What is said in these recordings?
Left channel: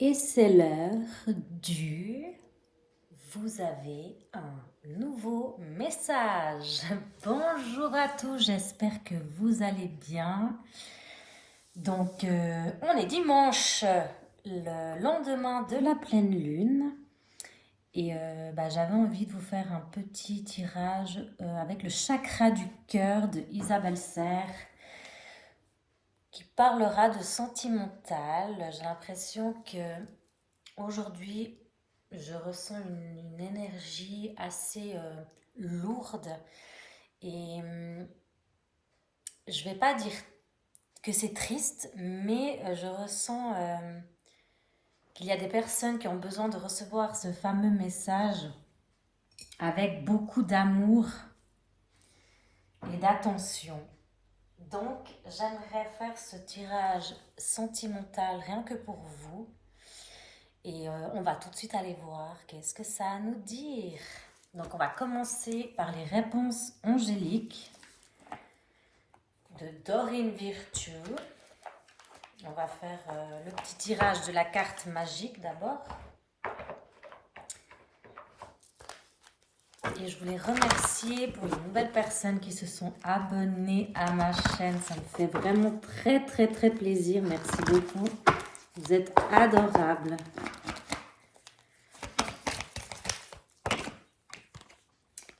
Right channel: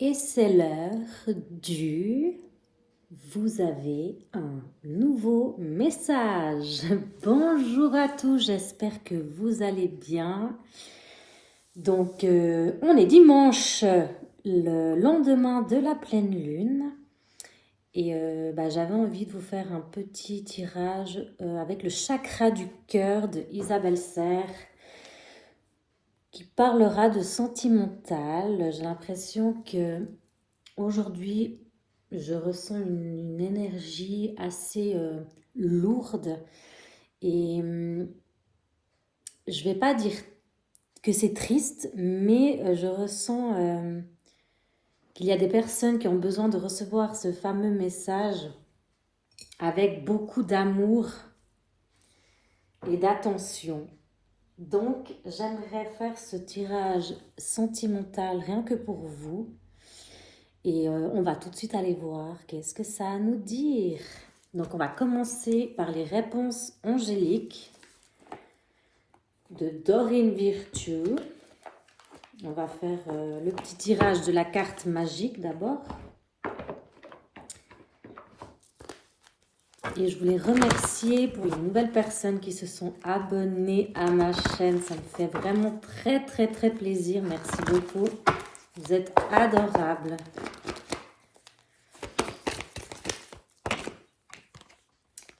Et c'est l'heure du... Vous avez un nouveau message. Bonjour à tous, j'espère que vous allez bien. Donc, on est dimanche, le lendemain de la pleine lune. Et j'avais envie de vous faire un petit tirage avec le chakra du cœur de Isabelle Serre qui parlera de sentimental. J'ai l'impression que aujourd'hui, je ressens une énergie assez lourde et je vais pas dire que c'est triste, mais je ressens qu'il y a des personnes qui ont besoin de recevoir ce fameux message avec beaucoup d'amour et d'attention. Donc, j'aimerais faire ce tirage sentimental rien que pour vous. Et on va tout de suite aller voir qu'est-ce que ça a à nous dire. Donc, on va commencer par les réponses angéliques de Dorine Virtue. On va faire le petit tirage de la carte magique d'abord. Et je voulais remercier pour les nouvelles personnes qui se sont abonnées à ma chaîne. Ça me fait vraiment très, très, très plaisir. Merci beaucoup. Vous êtes adorables.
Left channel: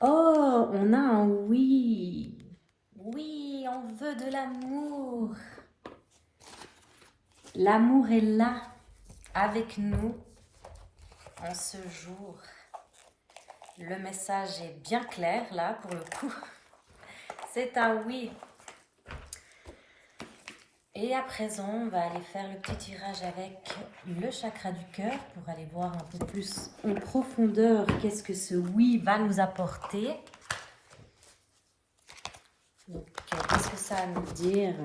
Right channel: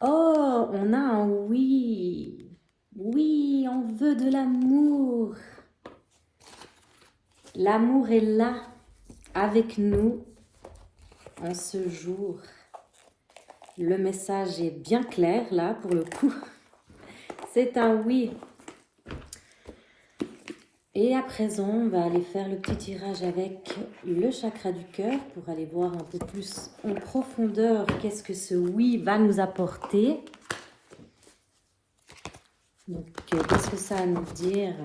Oh, on a un oui. Oui, on veut de l'amour. L'amour est là, avec nous, en ce jour. Le message est bien clair, là, pour le coup. C'est un oui. Et à présent, on va aller faire le petit tirage avec le chakra du cœur pour aller voir un peu plus en profondeur qu'est-ce que ce oui va nous apporter. Donc, qu'est-ce que ça a à nous dire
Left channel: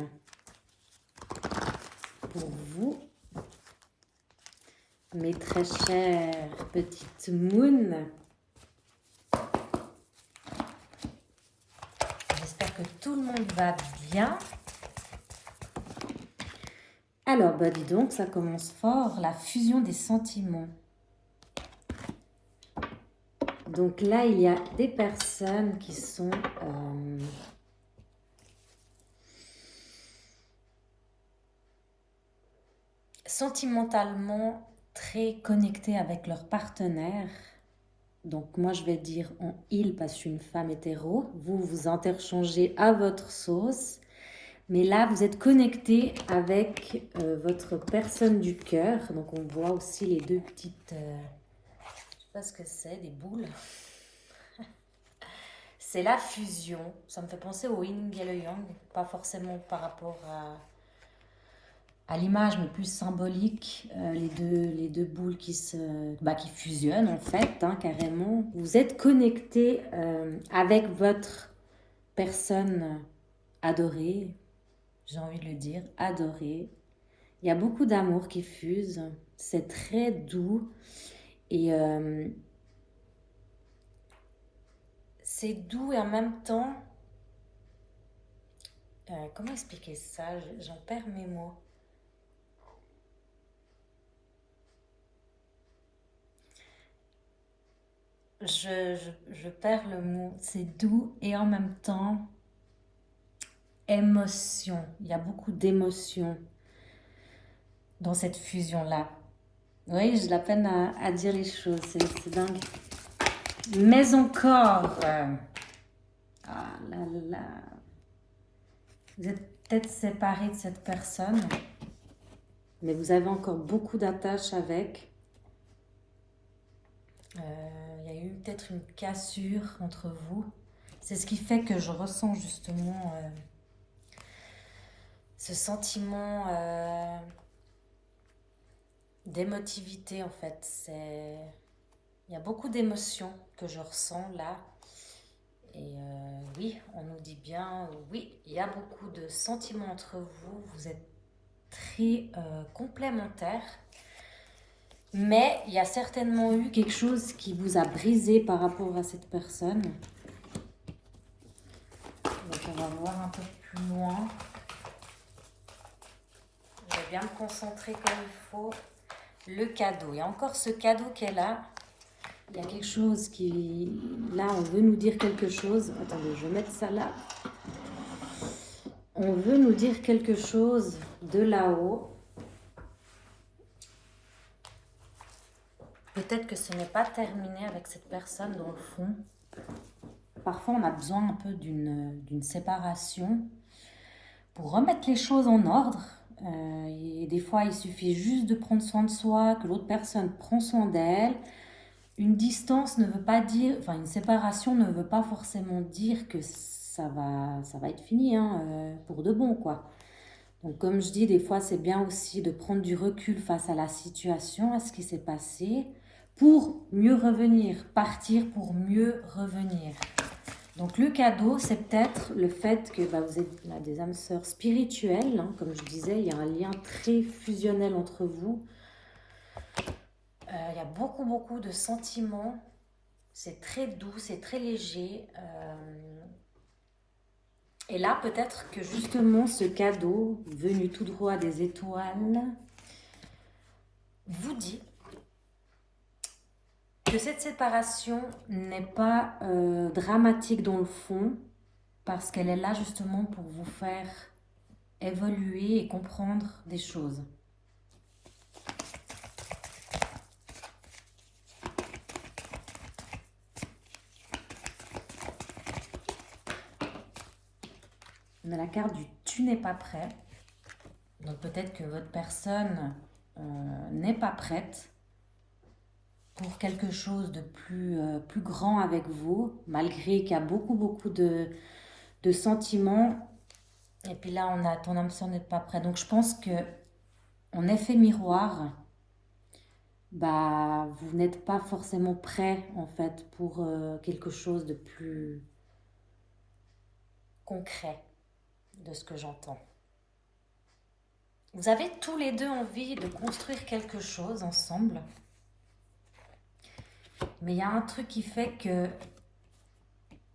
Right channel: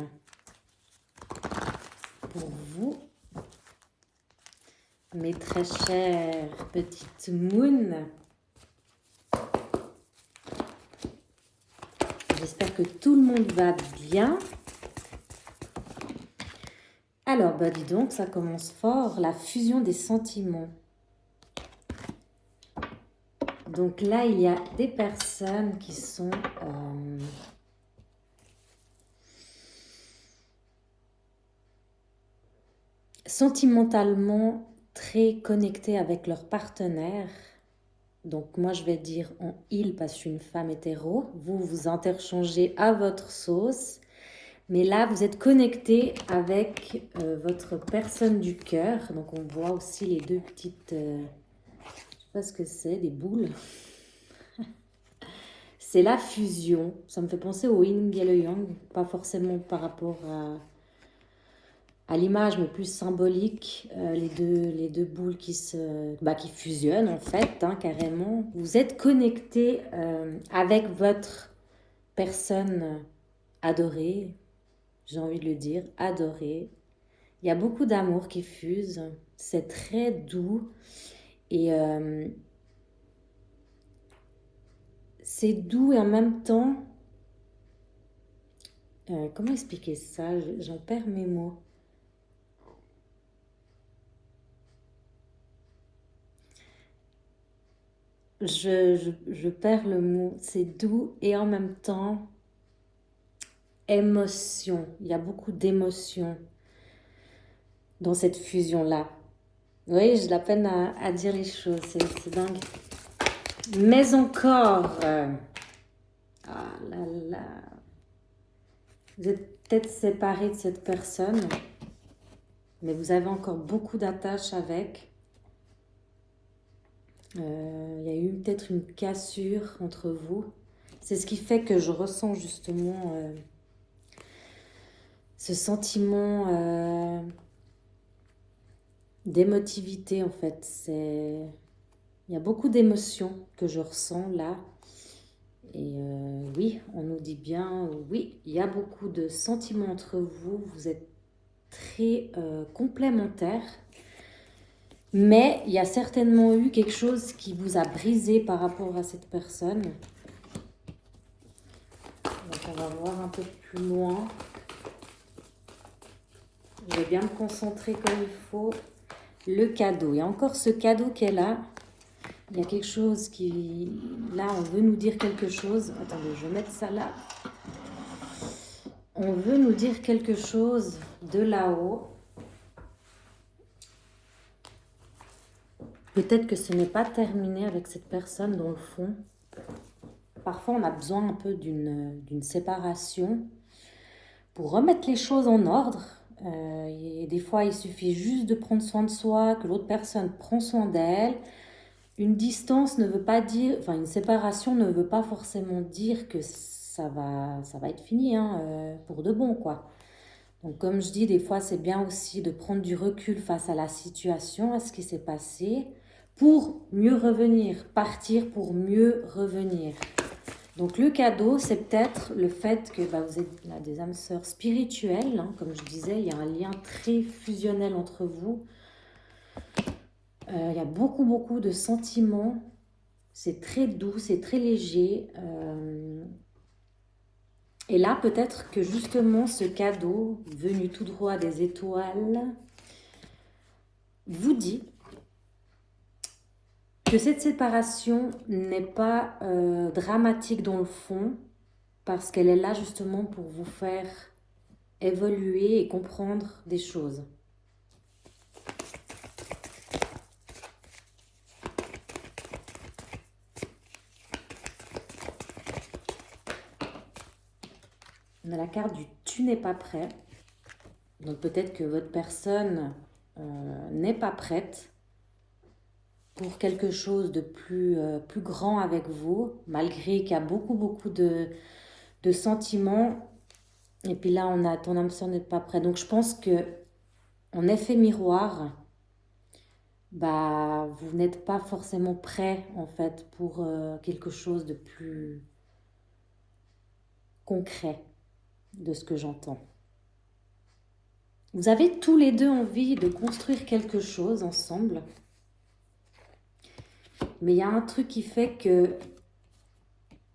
pour vous, mes très chères petites moons? J'espère que tout le monde va bien. Alors, dis donc, ça commence fort, la fusion des sentiments. Donc là, il y a des personnes qui sont sentimentalement très connectées avec leur partenaire. Donc moi, je vais dire on il parce que je suis une femme hétéro. Vous, vous interchangez à votre sauce. Mais là, vous êtes connecté avec votre personne du cœur. Donc on voit aussi les deux petites... je ne sais pas ce que c'est, des boules. C'est la fusion. Ça me fait penser au yin et le yang. Pas forcément par rapport à l'image, mais plus symbolique. Les deux boules qui fusionnent en fait, hein, carrément. Vous êtes connecté avec votre personne adorée. J'ai envie de le dire, adorée. Il y a beaucoup d'amour qui fuse. C'est très doux. Et c'est doux et en même temps... comment expliquer ça? J'en perds mes mots. Je perds le mot. C'est doux et en même temps émotion. Il y a beaucoup d'émotions dans cette fusion-là. Vous voyez, j'ai de la peine à dire les choses. C'est dingue. Mais encore... ah là là. Vous êtes peut-être séparé de cette personne, mais vous avez encore beaucoup d'attaches avec. Il y a eu peut-être une cassure entre vous. C'est ce qui fait que je ressens justement ce sentiment d'émotivité en fait. Il y a beaucoup d'émotions que je ressens là. Et oui, on nous dit bien, oui, il y a beaucoup de sentiments entre vous. Vous êtes très complémentaires. Mais il y a certainement eu quelque chose qui vous a brisé par rapport à cette personne. Donc on va voir un peu plus loin. Je vais bien me concentrer comme il faut. le cadeau. Il y a encore ce cadeau qui est là. Il y a quelque chose qui... Là, on veut nous dire quelque chose. Attendez, je vais mettre ça là. On veut nous dire quelque chose de là-haut. Peut-être que ce n'est pas terminé avec cette personne dans le fond. Parfois, on a besoin un peu d'une séparation pour remettre les choses en ordre. Et des fois, il suffit juste de prendre soin de soi, que l'autre personne prend soin d'elle. Une distance ne veut pas dire, enfin une séparation ne veut pas forcément dire que ça va être fini pour de bon, quoi. Donc comme je dis, des fois c'est bien aussi de prendre du recul face à la situation, à ce qui s'est passé, pour mieux revenir, partir pour mieux revenir. Donc le cadeau, c'est peut-être le fait que vous êtes là, des âmes sœurs spirituelles, hein, comme je disais, il y a un lien très fusionnel entre vous. Il y a beaucoup de sentiments, c'est très doux, c'est très léger. Et là, peut-être que justement ce cadeau, venu tout droit des étoiles, vous dit que cette séparation n'est pas dramatique dans le fond, parce qu'elle est là justement pour vous faire évoluer et comprendre des choses. On a la carte du « tu n'es pas prêt ». Donc peut-être que votre personne n'est pas prête pour quelque chose de plus grand avec vous, malgré qu'il y a beaucoup de sentiments. Et puis là, on a ton âme sœur n'est pas prêt. Donc je pense que en effet miroir, vous n'êtes pas forcément prêt en fait pour quelque chose de plus concret, de ce que j'entends. Vous avez tous les deux envie de construire quelque chose ensemble. Mais il y a un truc qui fait que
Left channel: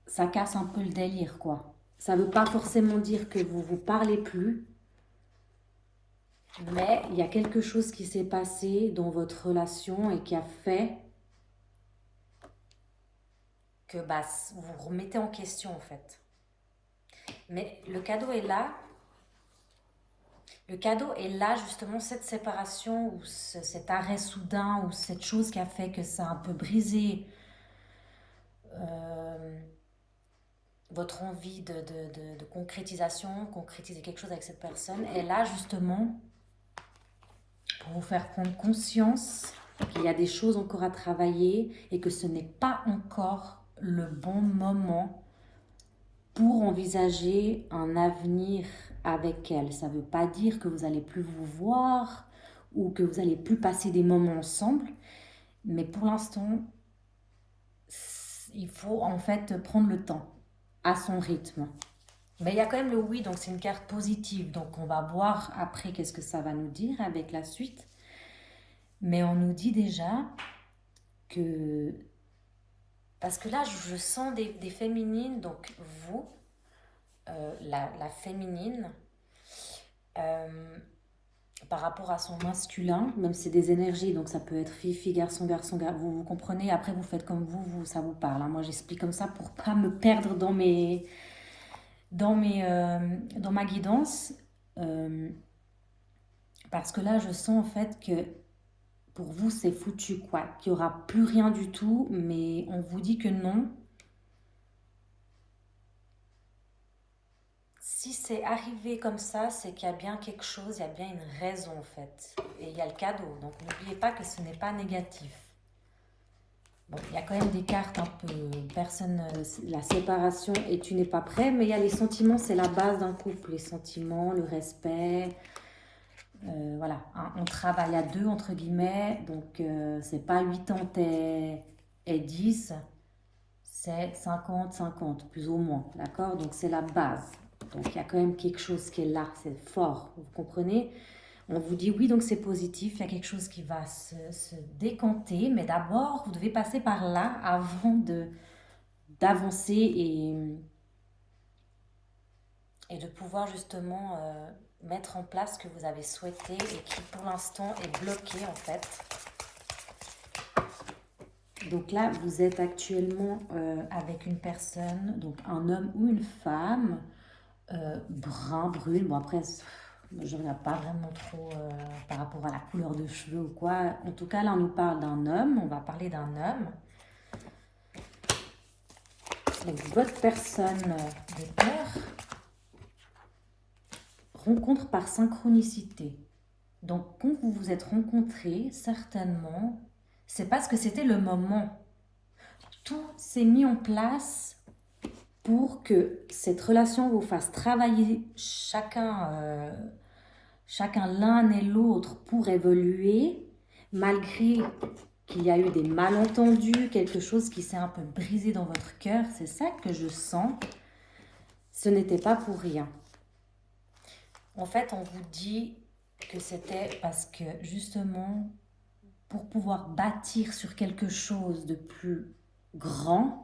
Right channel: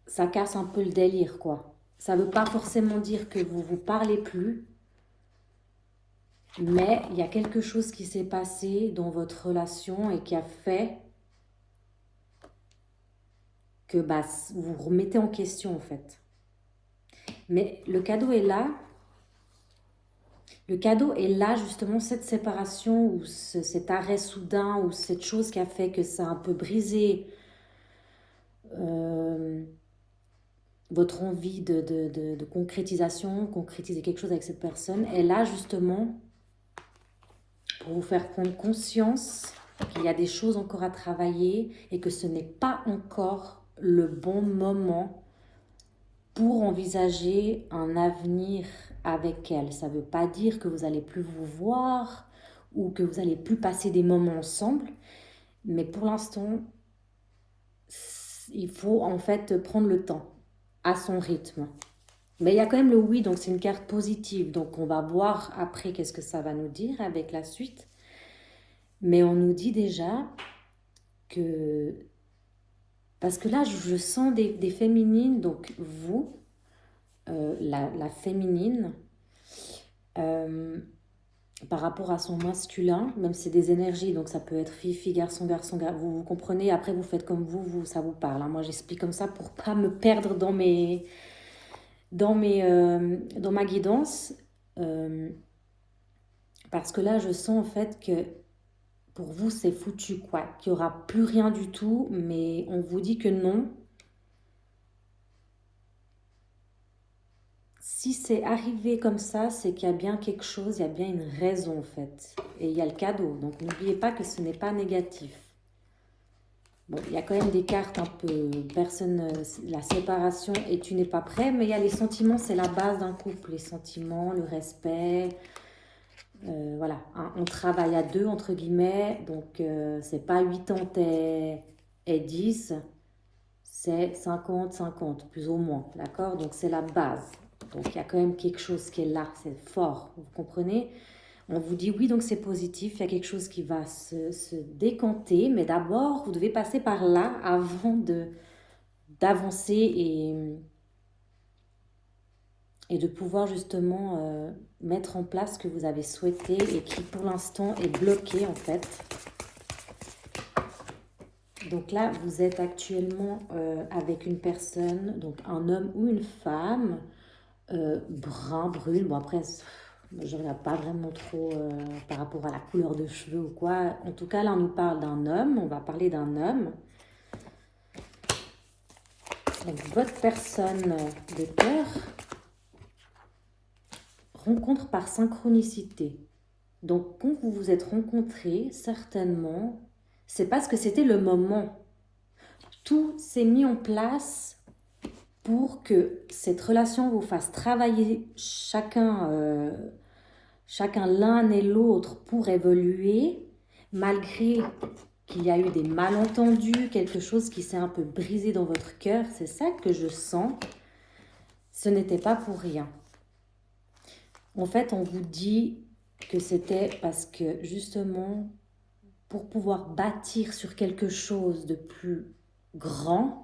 ça casse un peu le délire, quoi. Ça ne veut pas forcément dire que vous ne vous parlez plus. Mais il y a quelque chose qui s'est passé dans votre relation et qui a fait que vous vous remettez en question, en fait. Mais le cadeau est là. Le cadeau est là, justement, cette séparation ou cet arrêt soudain ou cette chose qui a fait que ça a un peu brisé votre envie de concrétisation, concrétiser quelque chose avec cette personne, est là, justement, pour vous faire prendre conscience qu'il y a des choses encore à travailler et que ce n'est pas encore le bon moment pour envisager un avenir avec elle. Ça ne veut pas dire que vous n'allez plus vous voir ou que vous n'allez plus passer des moments ensemble, mais pour l'instant, il faut en fait prendre le temps à son rythme. Mais il y a quand même le oui, donc c'est une carte positive, donc on va voir après qu'est-ce que ça va nous dire avec la suite. Mais on nous dit déjà que... Parce que là, je sens des féminines, donc vous, la féminine, par rapport à son masculin, même si c'est des énergies, donc ça peut être fille, garçon, vous comprenez, après vous faites comme ça vous parle. Hein. Moi, j'explique comme ça pour pas me perdre dans ma guidance. Parce que là, je sens en fait que pour vous, c'est foutu, quoi. Qu'il n'y aura plus rien du tout, mais on vous dit que non. Si c'est arrivé comme ça, c'est qu'il y a bien quelque chose, il y a bien une raison, en fait. Et il y a le cadeau. Donc, n'oubliez pas que ce n'est pas négatif. Bon, il y a quand même des cartes un peu personne, la séparation et tu n'es pas prêt, mais il y a les sentiments, c'est la base d'un couple. Les sentiments, le respect... voilà, hein, on travaille à deux, entre guillemets, donc c'est pas 80 et 10, c'est 50-50, plus ou moins, d'accord? Donc c'est la base, donc il y a quand même quelque chose qui est là, c'est fort, vous comprenez? On vous dit oui, donc c'est positif, il y a quelque chose qui va se décanter, mais d'abord, vous devez passer par là avant d'avancer et de pouvoir justement... mettre en place ce que vous avez souhaité et qui pour l'instant est bloqué en fait. Donc là, vous êtes actuellement avec une personne, donc un homme ou une femme, brun, brune. Bon après, je ne regarde pas vraiment trop par rapport à la couleur de cheveux ou quoi. En tout cas, là, on nous parle d'un homme. On va parler d'un homme. Donc, votre personne de cœur rencontre par synchronicité. Donc, quand vous vous êtes rencontrés, certainement, c'est parce que c'était le moment. Tout s'est mis en place pour que cette relation vous fasse travailler chacun l'un et l'autre pour évoluer, malgré qu'il y a eu des malentendus, quelque chose qui s'est un peu brisé dans votre cœur. C'est ça que je sens. Ce n'était pas pour rien. En fait, on vous dit que c'était parce que justement, pour pouvoir bâtir sur quelque chose de plus grand,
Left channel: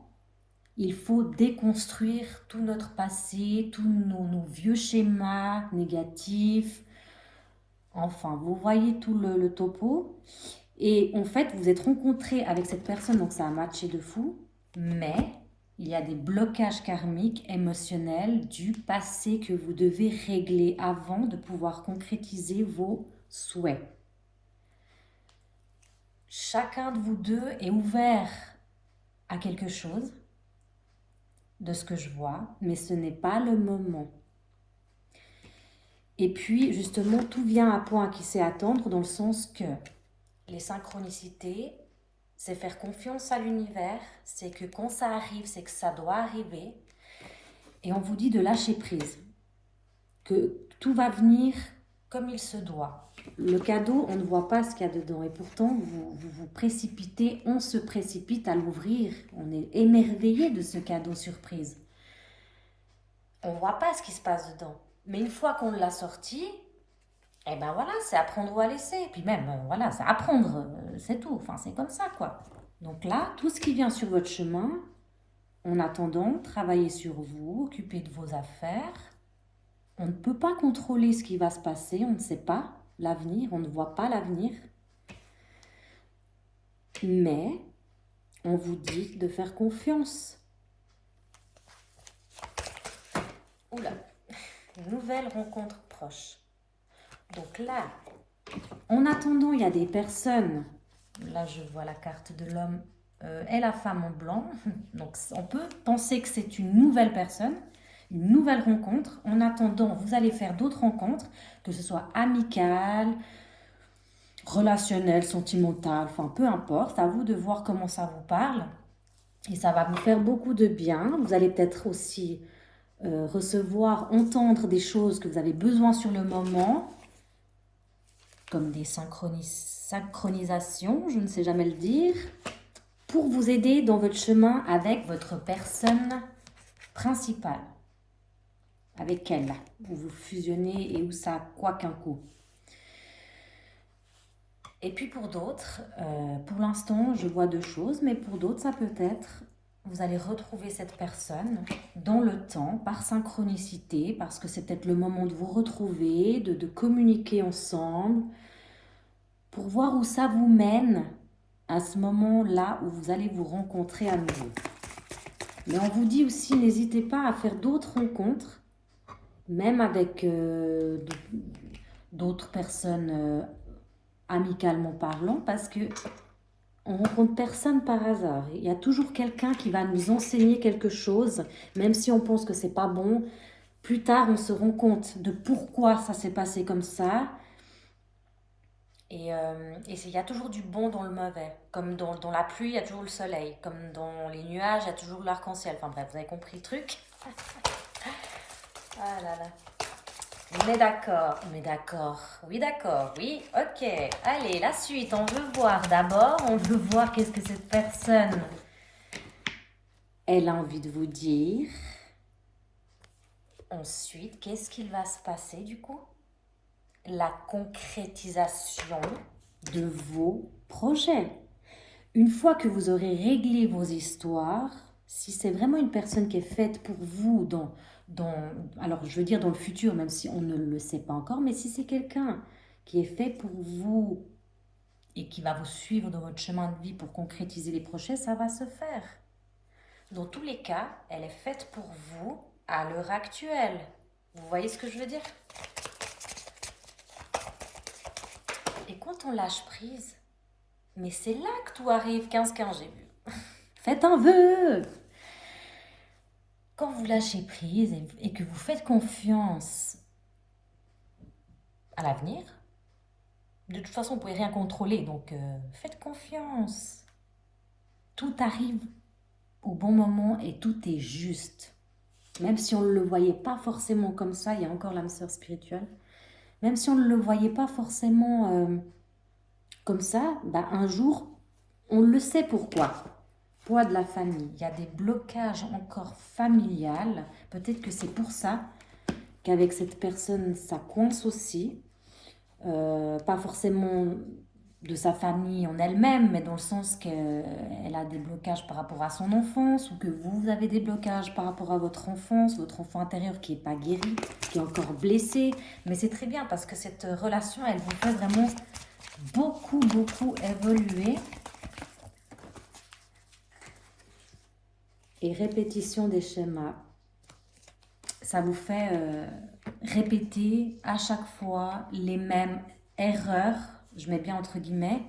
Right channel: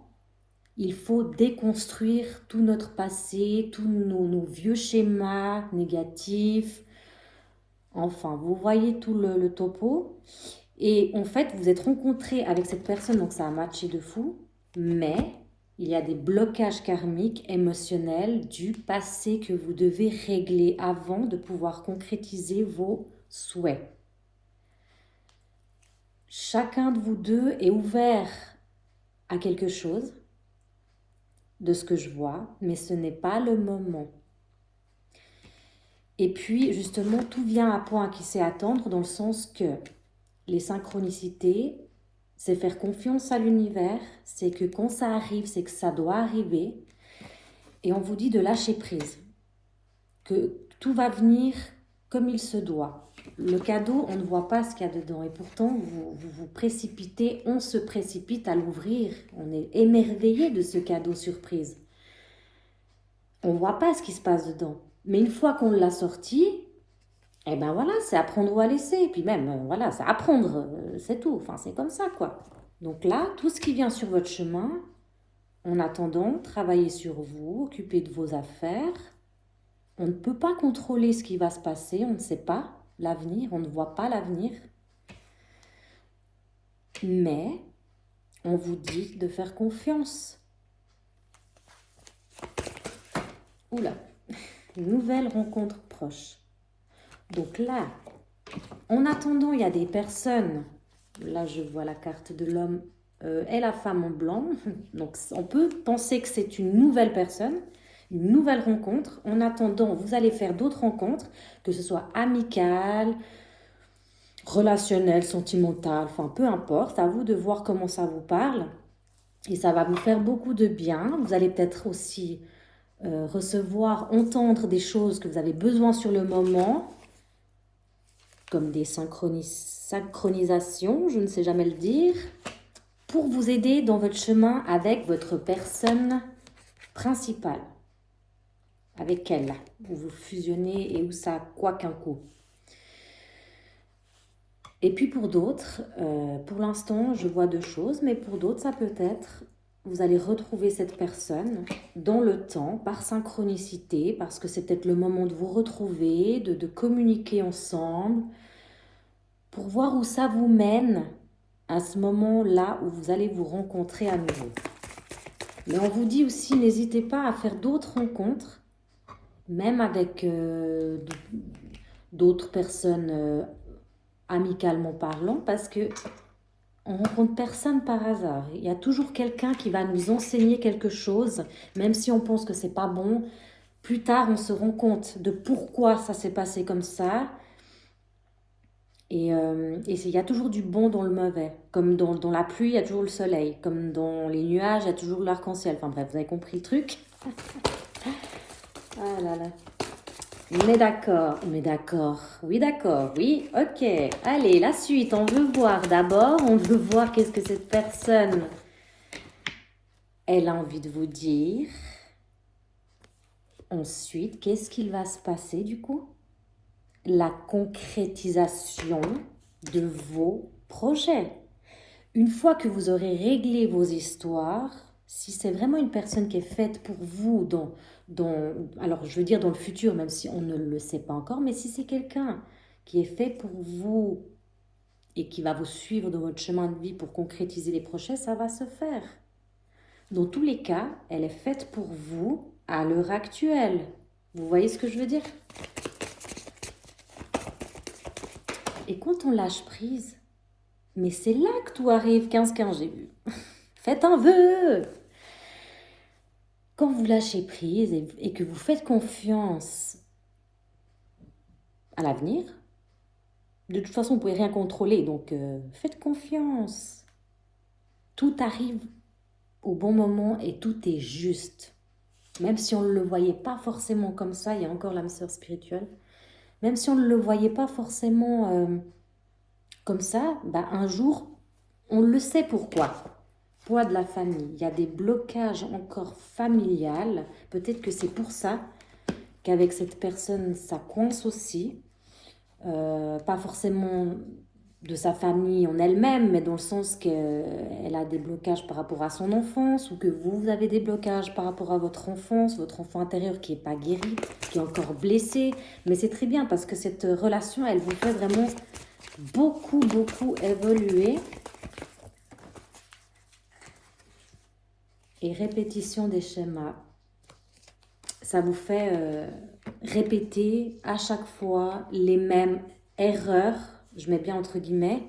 il faut déconstruire tout notre passé, tous nos vieux schémas négatifs. Enfin, vous voyez tout le topo. Et en fait, vous êtes rencontré avec cette personne, donc ça a matché de fou. Mais il y a des blocages karmiques, émotionnels du passé que vous devez régler avant de pouvoir concrétiser vos souhaits. Chacun de vous deux est ouvert à quelque chose, de ce que je vois, mais ce n'est pas le moment. Et puis, justement, tout vient à point qui sait attendre, dans le sens que les synchronicités, c'est faire confiance à l'univers, c'est que quand ça arrive, c'est que ça doit arriver. Et on vous dit de lâcher prise, que tout va venir comme il se doit. Le cadeau, on ne voit pas ce qu'il y a dedans. Et pourtant, vous vous précipitez, on se précipite à l'ouvrir. On est émerveillé de ce cadeau surprise. On ne voit pas ce qui se passe dedans. Mais une fois qu'on l'a sorti, eh ben voilà, c'est à prendre ou à laisser. Et puis même, voilà, c'est à prendre, c'est tout. Enfin, c'est comme ça, quoi. Donc là, tout ce qui vient sur votre chemin, en attendant, travaillez sur vous, occupez de vos affaires. On ne peut pas contrôler ce qui va se passer, on ne sait pas l'avenir, on ne voit pas l'avenir. Mais on vous dit de faire confiance. Oula, nouvelle rencontre proche. Donc là, en attendant, il y a des personnes, là je vois la carte de l'homme et la femme en blanc, donc on peut penser que c'est une nouvelle personne, une nouvelle rencontre. En attendant, vous allez faire d'autres rencontres, que ce soit amicales, relationnelles, sentimentales, enfin peu importe, à vous de voir comment ça vous parle. Et ça va vous faire beaucoup de bien. Vous allez peut-être aussi recevoir, entendre des choses que vous avez besoin sur le moment, comme des synchronisations, je ne sais jamais le dire, pour vous aider dans votre chemin avec votre personne principale. Avec elle, vous vous fusionnez et où ça a quoi qu'un coup. Et puis pour d'autres, pour l'instant, je vois deux choses, mais pour d'autres, ça peut être, vous allez retrouver cette personne dans le temps, par synchronicité, parce que c'est peut-être le moment de vous retrouver, de communiquer ensemble, pour voir où ça vous mène à ce moment-là où vous allez vous rencontrer à nouveau. Mais on vous dit aussi, n'hésitez pas à faire d'autres rencontres, même avec d'autres personnes amicalement parlant, parce que on rencontre personne par hasard. Il y a toujours quelqu'un qui va nous enseigner quelque chose, même si on pense que c'est pas bon. Plus tard, on se rend compte de pourquoi ça s'est passé comme ça. Et il y a toujours du bon dans le mauvais. Comme dans la pluie, il y a toujours le soleil. Comme dans les nuages, il y a toujours l'arc-en-ciel. Enfin bref, vous avez compris le truc. Ah là là. Mais d'accord, oui, ok. Allez, la suite, on veut voir d'abord, on veut voir qu'est-ce que cette personne, elle a envie de vous dire. Ensuite, qu'est-ce qu'il va se passer du coup? La concrétisation de vos projets. Une fois que vous aurez réglé vos histoires, si c'est vraiment une personne qui est faite pour vous, alors je veux dire dans le futur, même si on ne le sait pas encore, mais si c'est quelqu'un qui est fait pour vous et qui va vous suivre dans votre chemin de vie pour concrétiser les projets, ça va se faire. Dans tous les cas, elle est faite pour vous à l'heure actuelle. Vous voyez ce que je veux dire? Et quand on lâche prise, mais c'est là que tout arrive, 15-15, j'ai vu. Faites un vœu. Quand vous lâchez prise et que vous faites confiance à l'avenir, de toute façon, vous ne pouvez rien contrôler, donc faites confiance. Tout arrive au bon moment et tout est juste. Même si on ne le voyait pas forcément comme ça, il y a encore l'âme sœur spirituelle, même si on ne le voyait pas forcément comme ça, bah, un jour, on le sait pourquoi. Poids de la famille, il y a des blocages encore familiales. Peut-être que c'est pour ça qu'avec cette personne, ça coince aussi. Pas forcément de sa famille en elle-même, mais dans le sens qu'elle a des blocages par rapport à son enfance, ou que vous avez des blocages par rapport à votre enfance, votre enfant intérieur qui n'est pas guéri, qui est encore blessé. Mais c'est très bien parce que cette relation, elle vous fait vraiment beaucoup évoluer. Et répétition des schémas. Ça vous fait répéter à chaque fois les mêmes erreurs, je mets bien entre guillemets,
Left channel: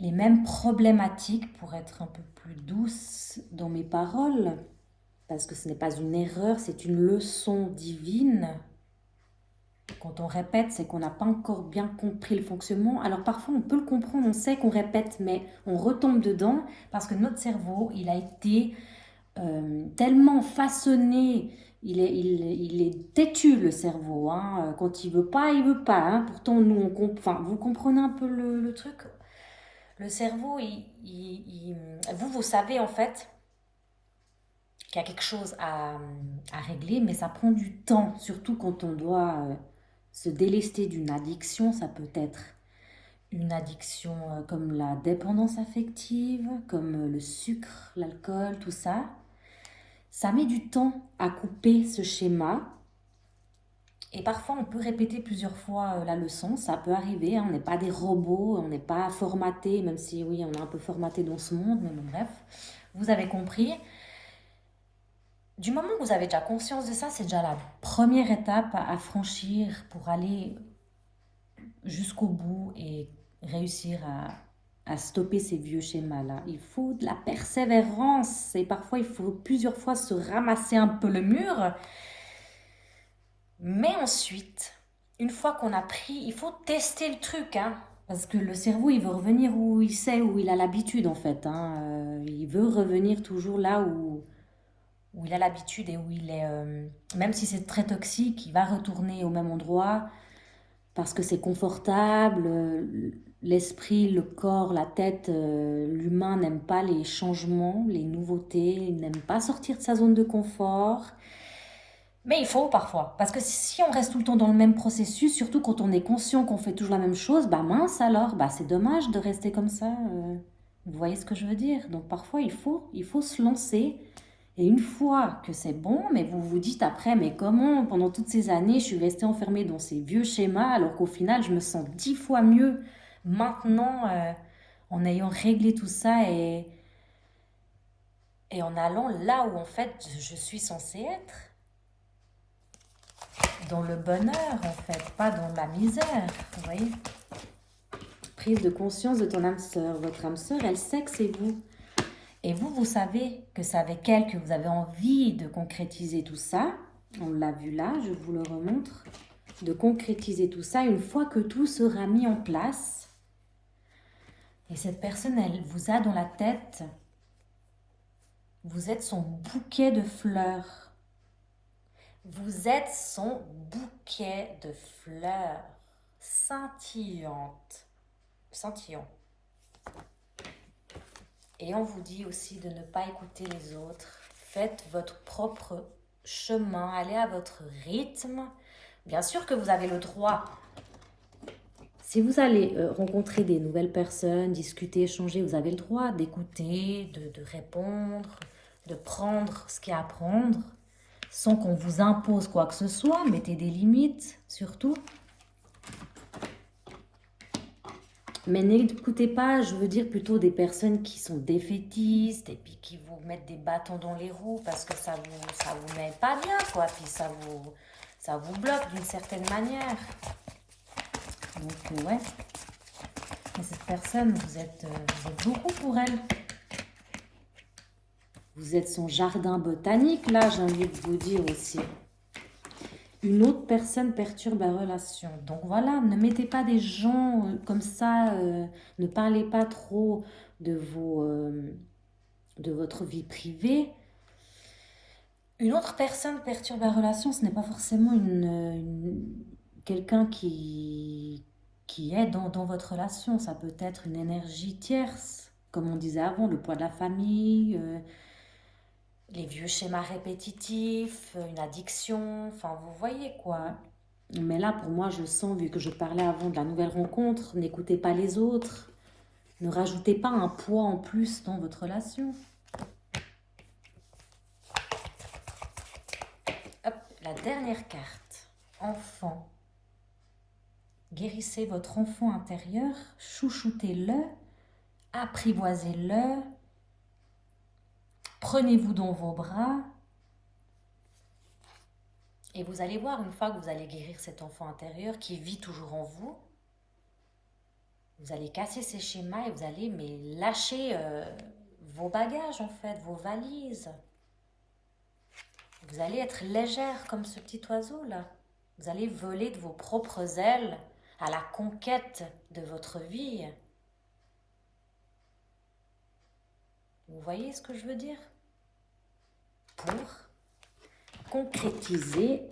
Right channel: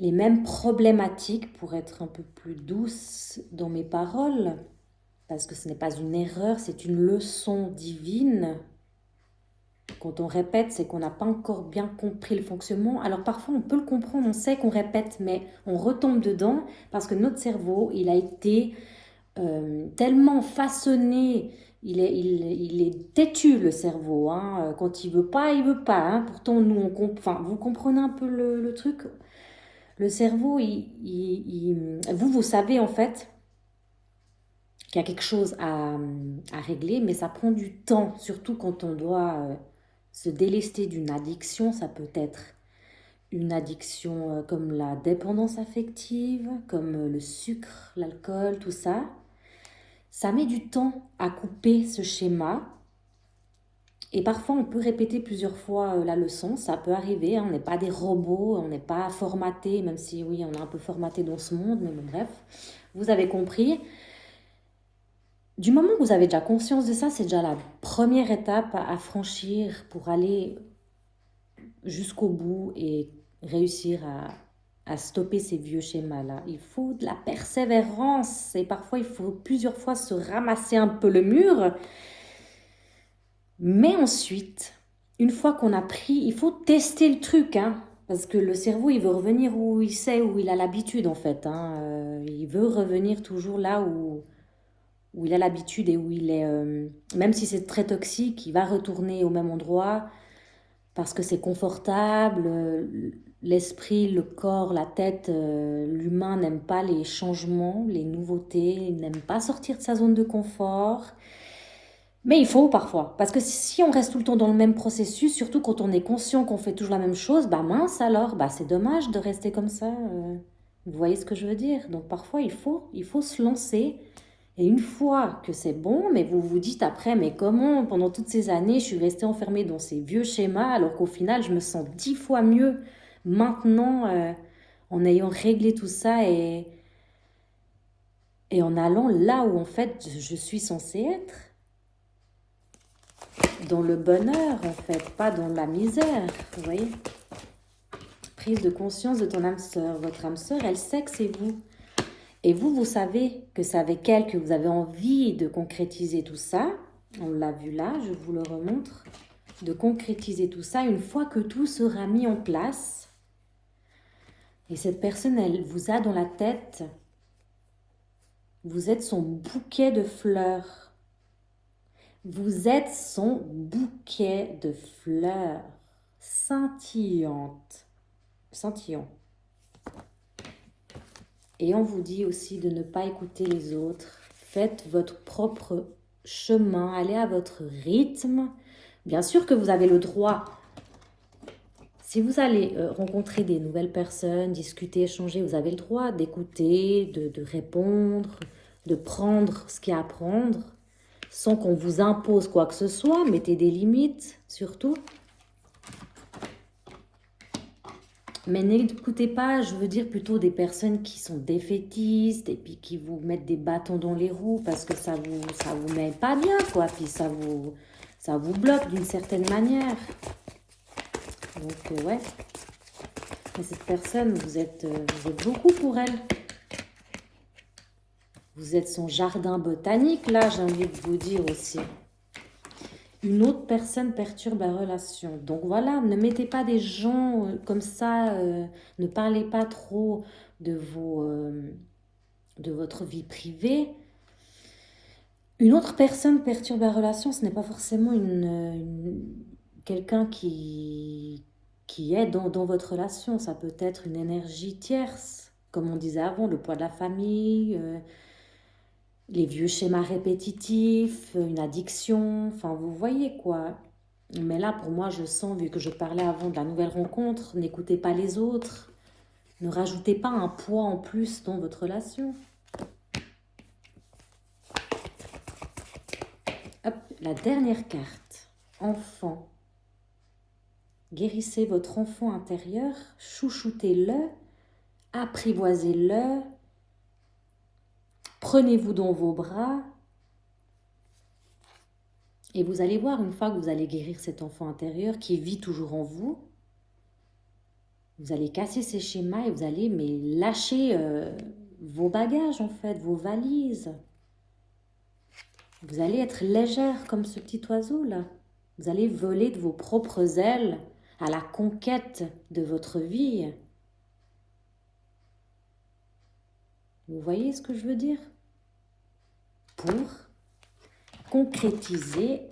les mêmes problématiques pour être un peu plus douce dans mes paroles, parce que ce n'est pas une erreur, c'est une leçon divine. Quand on répète, c'est qu'on n'a pas encore bien compris le fonctionnement. Alors parfois, on peut le comprendre, on sait qu'on répète, mais on retombe dedans parce que notre cerveau, il a été tellement façonné, il est têtu le cerveau. Hein. Quand il veut pas, il veut pas. Hein. Pourtant, nous, vous comprenez un peu le truc. Le cerveau, vous savez en fait qu'il y a quelque chose à régler, mais ça prend du temps, surtout quand on doit se délester d'une addiction. Ça peut être une addiction comme la dépendance affective, comme le sucre, l'alcool, tout ça. Ça met du temps à couper ce schéma. Et parfois, on peut répéter plusieurs fois la leçon. Ça peut arriver, hein, on n'est pas des robots, on n'est pas formaté, même si oui, on est un peu formaté dans ce monde, mais bon, bref, vous avez compris. Du moment que vous avez déjà conscience de ça, c'est déjà la première étape à franchir pour aller jusqu'au bout et réussir à stopper ces vieux schémas-là. Il faut de la persévérance et parfois il faut plusieurs fois se ramasser un peu le mur. Mais ensuite, une fois qu'on a pris, il faut tester le truc, hein, parce que le cerveau, il veut revenir où il sait, où il a l'habitude en fait. Hein. Il veut revenir toujours là où il a l'habitude et où il est, même si c'est très toxique, il va retourner au même endroit parce que c'est confortable. L'esprit, le corps, la tête, l'humain n'aime pas les changements, les nouveautés, il n'aime pas sortir de sa zone de confort. Mais il faut parfois, parce que si on reste tout le temps dans le même processus, surtout quand on est conscient qu'on fait toujours la même chose, bah mince alors, bah c'est dommage de rester comme ça. Vous voyez ce que je veux dire? Donc parfois il faut se lancer. Et une fois que c'est bon, mais vous vous dites après, mais comment pendant toutes ces années je suis restée enfermée dans ces vieux schémas alors qu'au final je me sens 10 fois mieux maintenant en ayant réglé tout ça et en allant là où en fait je suis censée être. Dans le bonheur, en fait, pas dans la misère, vous voyez. Prise de conscience de ton âme sœur. Votre âme sœur, elle sait que c'est vous. Et vous, vous savez que c'est avec elle que vous avez envie de concrétiser tout ça. On l'a vu là, je vous le remontre. De concrétiser tout ça une fois que tout sera mis en place. Et cette personne, elle vous a dans la tête. Vous êtes son bouquet de fleurs. Vous êtes son bouquet de fleurs scintillantes. Et on vous dit aussi de ne pas écouter les autres. Faites votre propre chemin, allez à votre rythme. Bien sûr que vous avez le droit. Si vous allez rencontrer des nouvelles personnes, discuter, échanger, vous avez le droit d'écouter, de répondre, de prendre ce qu'il y a à prendre. sans qu'on vous impose quoi que ce soit. Mettez des limites, surtout. Mais n'écoutez pas, je veux dire plutôt des personnes qui sont défaitistes et puis qui vous mettent des bâtons dans les roues parce que ça vous met pas bien, quoi. Puis ça vous bloque d'une certaine manière. Donc, ouais. Et cette personne, vous êtes beaucoup pour elle. Vous êtes son jardin botanique, là, j'ai envie de vous dire aussi. Une autre personne perturbe la relation. Donc voilà, ne mettez pas des gens comme ça, ne parlez pas trop de votre vie privée. Une autre personne perturbe la relation, ce n'est pas forcément quelqu'un qui est dans votre relation. Ça peut être une énergie tierce, comme on disait avant, le poids de la famille, les vieux schémas répétitifs, une addiction, enfin vous voyez quoi. Mais là pour moi je sens, vu que je parlais avant de la nouvelle rencontre, n'écoutez pas les autres, ne rajoutez pas un poids en plus dans votre relation. Hop, la dernière carte, enfant. Guérissez votre enfant intérieur, chouchoutez-le, apprivoisez-le, prenez-vous dans vos bras. Et vous allez voir, une fois que vous allez guérir cet enfant intérieur qui vit toujours en vous, vous allez casser ces schémas et vous allez lâcher vos bagages en fait, vos valises. Vous allez être légère comme ce petit oiseau là. Vous allez voler de vos propres ailes à la conquête de votre vie. Vous voyez ce que je veux dire? Pour concrétiser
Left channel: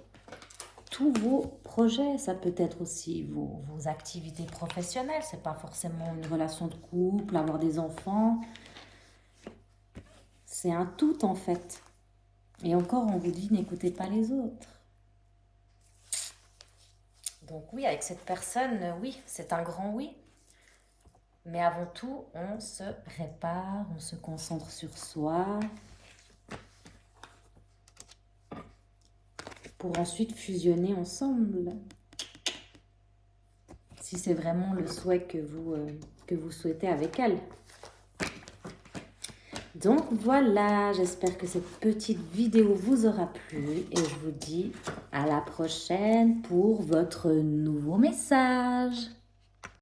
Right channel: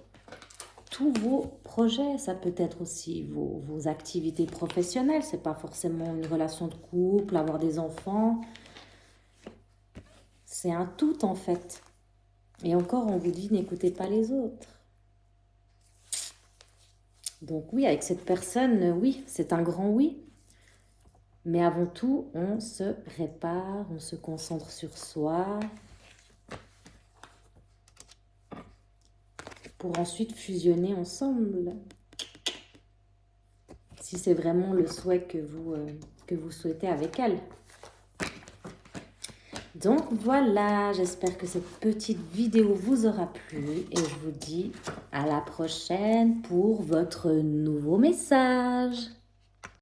tous vos projets. Ça peut être aussi vos activités professionnelles. C'est pas forcément une relation de couple, avoir des enfants. C'est un tout en fait. Et encore, on vous dit, n'écoutez pas les autres. Donc oui, avec cette personne, oui, c'est un grand oui. Mais avant tout, on se répare, on se concentre sur soi. Pour ensuite fusionner ensemble. Si c'est vraiment le souhait que vous souhaitez avec elle. Donc voilà, j'espère que cette petite vidéo vous aura plu et je vous dis à la prochaine pour votre nouveau message.